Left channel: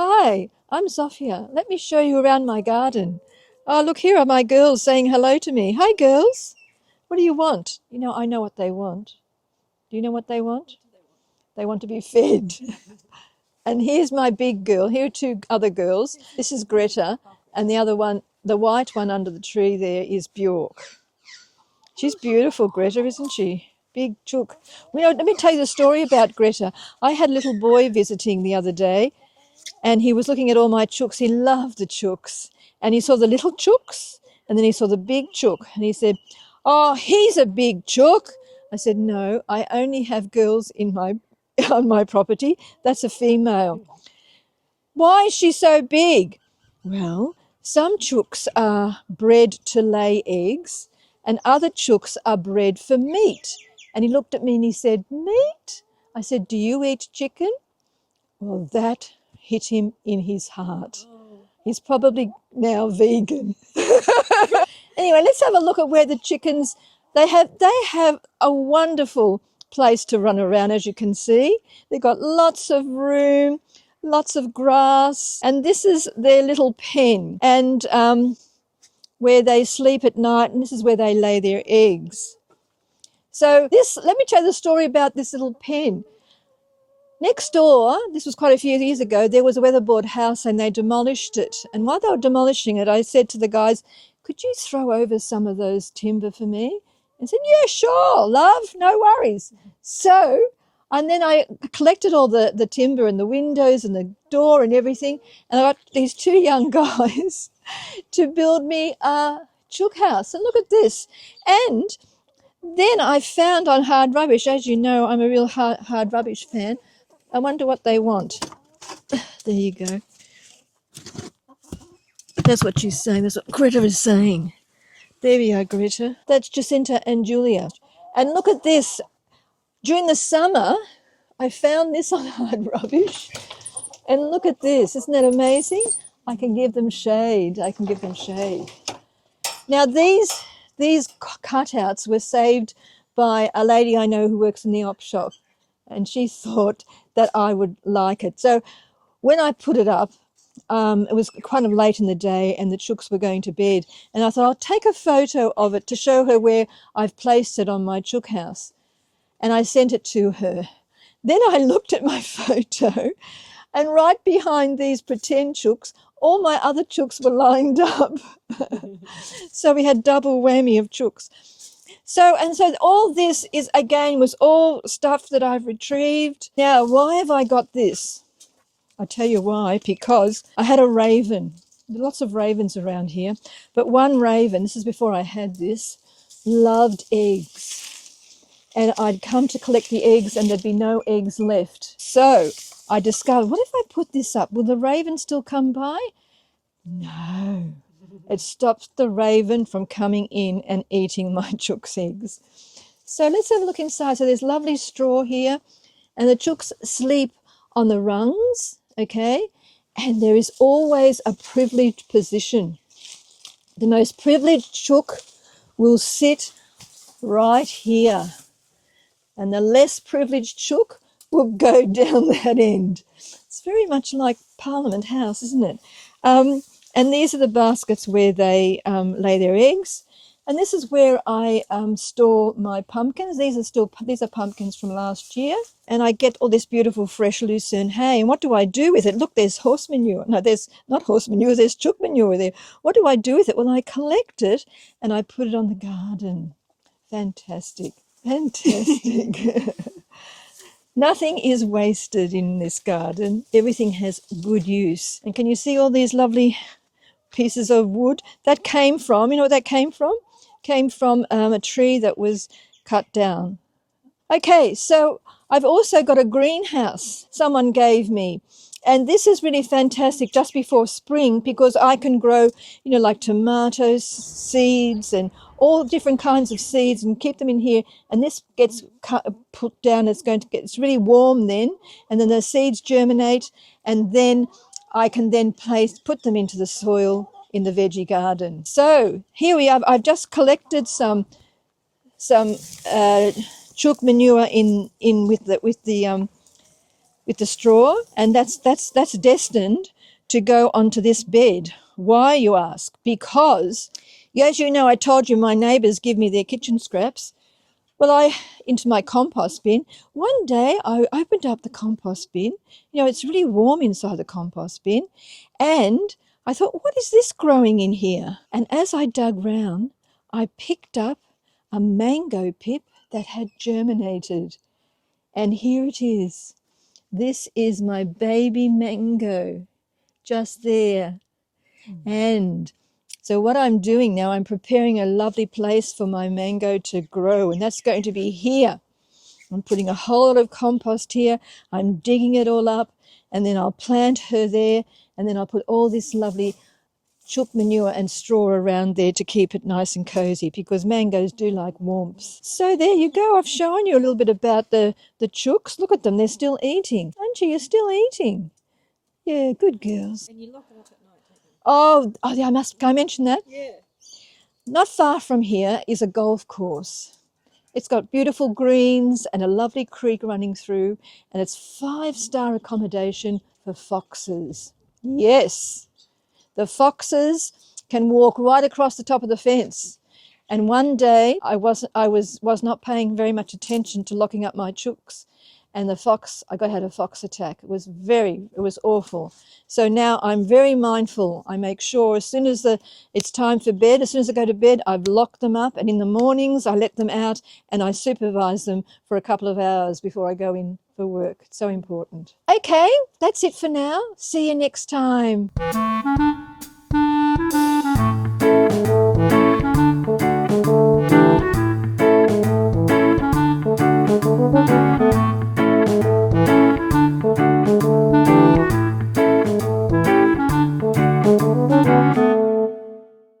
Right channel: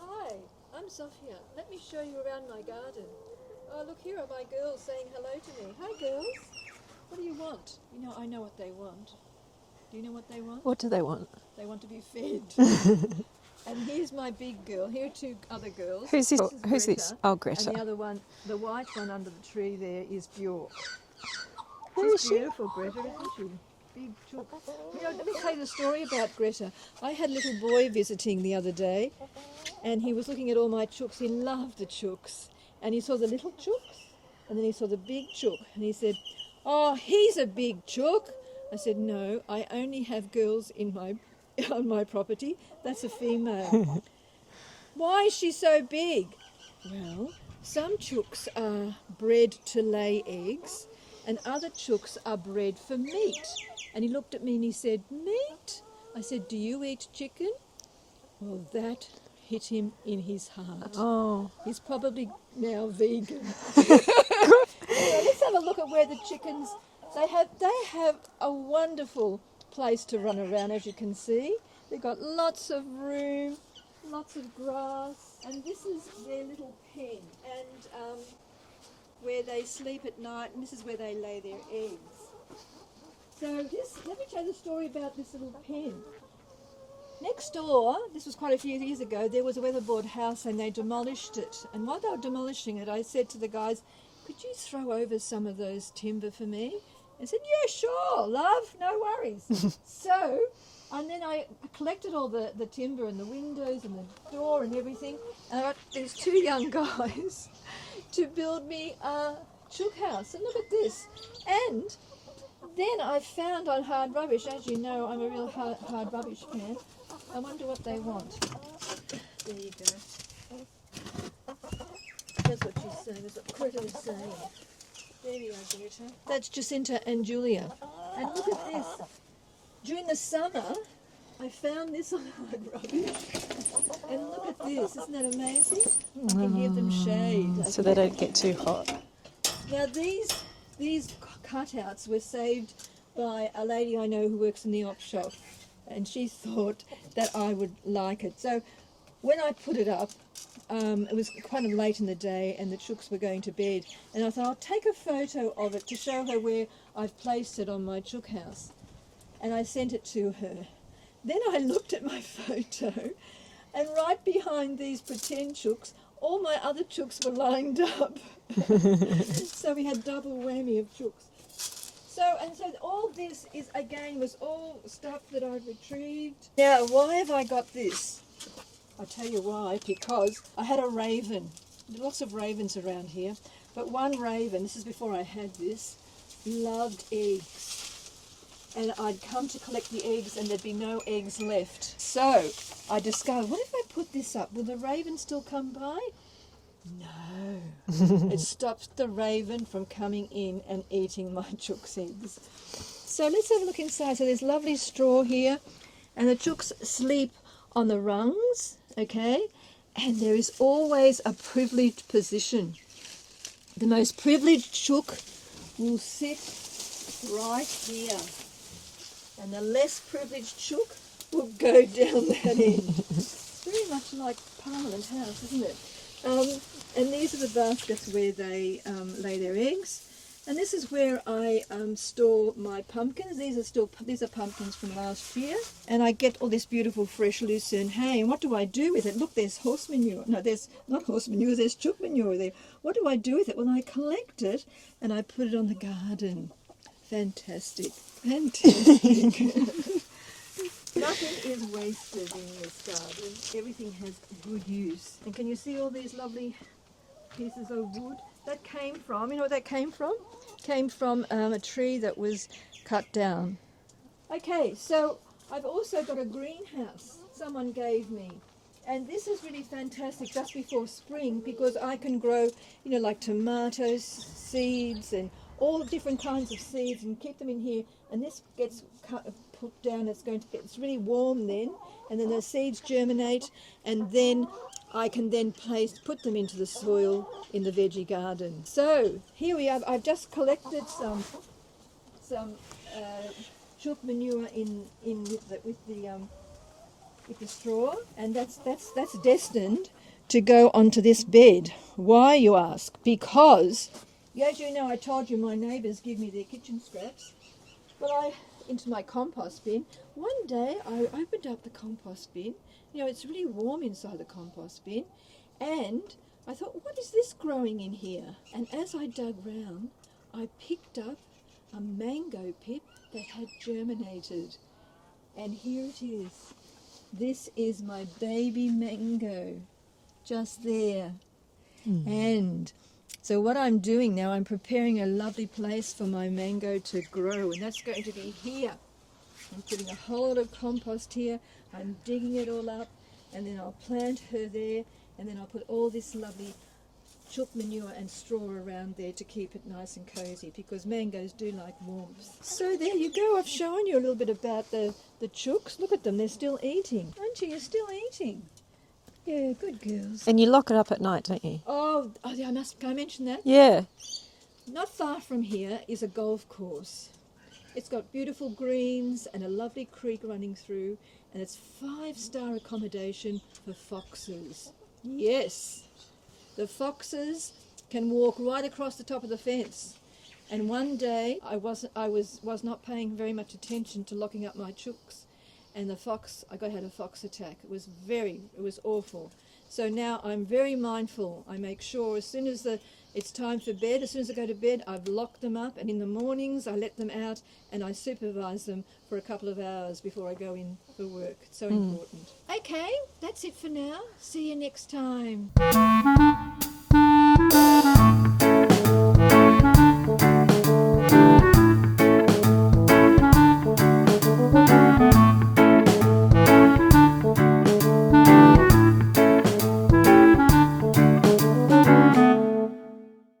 Hi, I'm Zofia. Let me show you around my garden. Oh, look, here are my girls saying hello to me. Hi, girls. What do you want? You know, I know what they want. Do you know what they want? What do they want? They want to be fed. And here's my big girl. Here are two other girls. Who's this? This is Who's this? Greta. Oh, Greta. And the other one, the white one under the tree there, is Bjork. She's beautiful, Greta, isn't she? Big chook. You know, let me tell you the story about Greta. I had a little boy visiting the other day, and he was looking at all my chooks. He loved the chooks. And he saw the little chooks, and then he saw the big chook. And he said, "Oh, he's a big chook." I said, "No, I only have girls in on my property. That's a female." "Why is she so big?" "Well, some chooks are bred to lay eggs, and other chooks are bred for meat." And he looked at me and he said, "Meat?" I said, "Do you eat chicken?" Well, that hit him in his heart. Oh. He's probably now vegan. Anyway, let's have a look at where the chickens, they have a wonderful place to run around, as you can see. They've got lots of room, lots of grass, and this is their little pen, and where they sleep at night, and this is where they lay their eggs. So let me tell you the story about this little pen. Next door, this was quite a few years ago, there was a weatherboard house and they demolished it. And while they were demolishing it, I said to the guys, "Could you throw over some of those timber for me?" And said, "Yeah, sure, love, no worries." And then I collected all the timber and the windows and the door and everything. And I got these two young guys to build me a chook house. And look at this. And then I found on Hard Rubbish, as you know, I'm a real hard Rubbish fan. I wonder what they want. There you go. That's what she's saying. That's what Greta is saying. There we are, Greta. That's Jacinta and Julia. And look at this. During the summer, I found this on Hard Rubbish. And look at this. Isn't that amazing? I can give them shade. So they don't get too hot. Now, these cutouts were saved by a lady I know who works in the op shop. And she thought that I would like it. So when I put it up, it was kind of late in the day and the chooks were going to bed. And I thought I'll take a photo of it to show her where I've placed it on my chook house. And I sent it to her. Then I looked at my photo, and right behind these pretend chooks, all my other chooks were lined up. So we had double whammy of chooks. So all this was all stuff that I've retrieved. Now, why have I got this? I'll tell you why, because I had a raven. There are lots of ravens around here, but one raven, this is before I had this, loved eggs. And I'd come to collect the eggs and there'd be no eggs left. So I discovered, what if I put this up? Will the raven still come by? No, it stops the raven from coming in and eating my chook's eggs. So let's have a look inside. So there's lovely straw here, and the chooks sleep on the rungs, okay? And there is always a privileged position. The most privileged chook will sit right here, and the less privileged chook will go down that end. It's very much like Parliament House, isn't it? And these are the baskets where they lay their eggs. And this is where I store my pumpkins. These are pumpkins from last year. And I get all this beautiful fresh lucerne hay. And what do I do with it? Look, there's horse manure. No, there's not horse manure, there's chook manure there. What do I do with it? Well, I collect it and I put it on the garden. Fantastic. Nothing is wasted in this garden. Everything has good use. And can you see all these lovely pieces of wood? That came from, you know what that came from? Came from a tree that was cut down. Okay, so I've also got a greenhouse someone gave me. And this is really fantastic just before spring because I can grow, you know, like tomatoes, seeds and all different kinds of seeds and keep them in here. And this gets put down, it's really warm then. And then the seeds germinate and then I can then put them into the soil in the veggie garden. So here we are. I've just collected some chook manure in with the with the straw, and that's destined to go onto this bed. Why, you ask? Because, as you know, I told you my neighbours give me their kitchen scraps. Well, into my compost bin. One day I opened up the compost bin. It's really warm inside the compost bin. And I thought, what is this growing in here? And as I dug round, I picked up a mango pip that had germinated. And here it is. This is my baby mango, just there. And so what I'm doing now, I'm preparing a lovely place for my mango to grow, and that's going to be here. I'm putting a whole lot of compost here. I'm digging it all up, and then I'll plant her there, and then I'll put all this lovely chook manure and straw around there to keep it nice and cozy, because mangoes do like warmth. So there you go. I've shown you a little bit about the chooks. Look at them. They're still eating. Aren't you? You're still eating. Yeah, good girls. And you lock it up at night, don't you? Oh, yeah, can I mention that? Yeah. Not far from here is a golf course. It's got beautiful greens and a lovely creek running through, and it's 5-star accommodation for foxes. Yes, the foxes can walk right across the top of the fence. And one day I was not paying very much attention to locking up my chooks, and I had a fox attack. It was awful. So now I'm very mindful. I make sure as soon as it's time for bed, as soon as I go to bed, I've locked them up, and in the mornings I let them out and I supervise them for a couple of hours before I go in for work. It's so important. Okay, that's it for now. See you next time.